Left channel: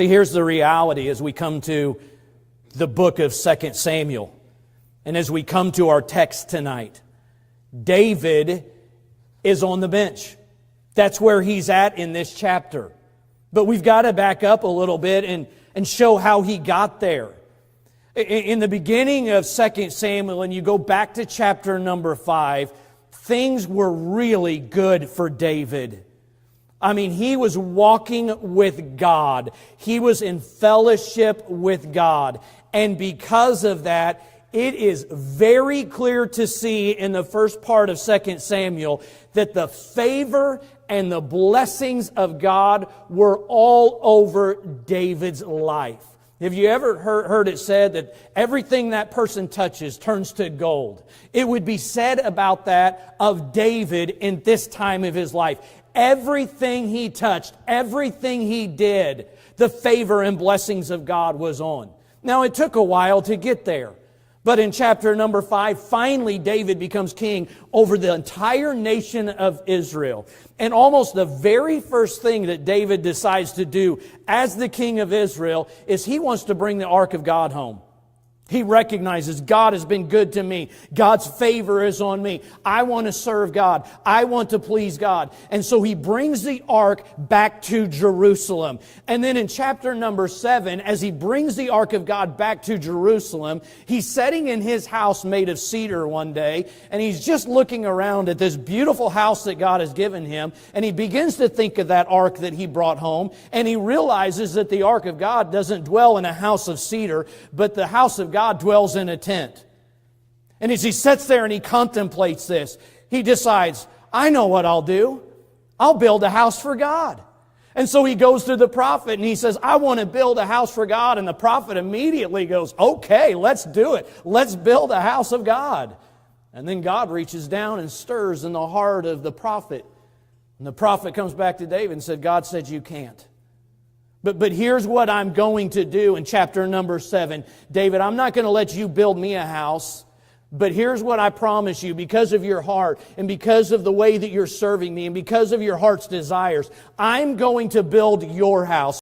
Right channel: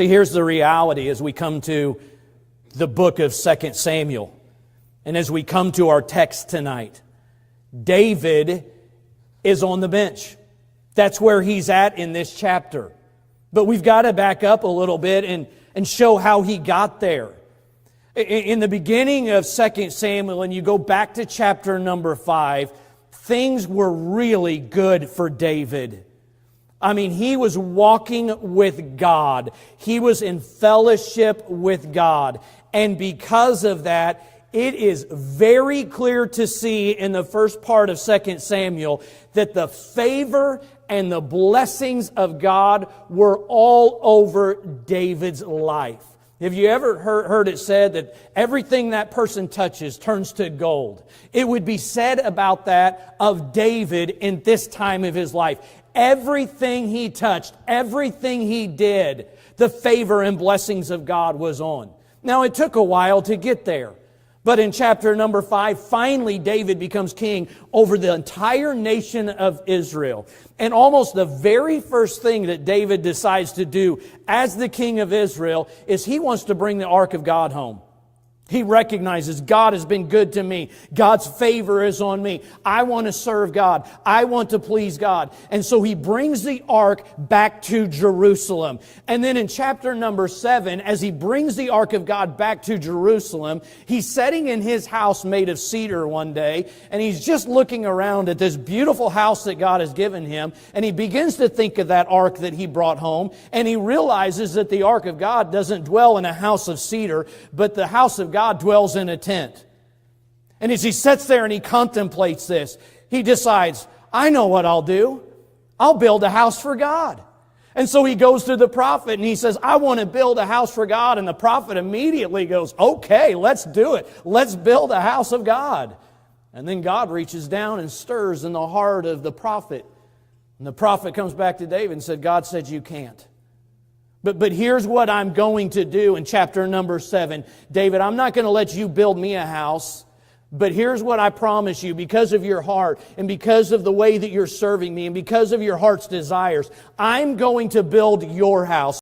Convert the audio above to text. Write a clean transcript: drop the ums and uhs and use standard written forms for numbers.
See, here's the reality as we come to the book of 2 Samuel. And as we come to our text tonight, David is on the bench. That's where he's at in this chapter. But we've got to back up a little bit and show how he got there. In the beginning of 2 Samuel, and you go back to chapter number 5, things were really good for David. I mean, he was walking with God. He was in fellowship with God. And because of that, it is very clear to see in the first part of 2 Samuel that the favor and the blessings of God were all over David's life. Have you ever heard it said that everything that person touches turns to gold? It would be said about that of David in this time of his life. Everything he touched, everything he did, the favor and blessings of God was on. Now, it took a while to get there. But in chapter number 5, finally David becomes king over the entire nation of Israel. And almost the very first thing that David decides to do as the king of Israel is he wants to bring the ark of God home. He recognizes God has been good to me. God's favor is on me. I want to serve God. I want to please God. And so he brings the ark back to Jerusalem. And then in chapter number 7, as he brings the ark of God back to Jerusalem, he's sitting in his house made of cedar one day, and he's just looking around at this beautiful house that God has given him, and he begins to think of that ark that he brought home, and he realizes that the ark of God doesn't dwell in a house of cedar, but the house of God dwells in a tent. And as he sits there and he contemplates this, he decides, I know what I'll do. I'll build a house for God. And so he goes to the prophet and he says, I want to build a house for God. And the prophet immediately goes, okay, let's do it. Let's build a house of God. And then God reaches down and stirs in the heart of the prophet. And the prophet comes back to David and said, God said you can't. But here's what I'm going to do in chapter number 7. David, I'm not going to let you build me a house. But here's what I promise you, because of your heart and because of the way that you're serving me and because of your heart's desires, I'm going to build your house.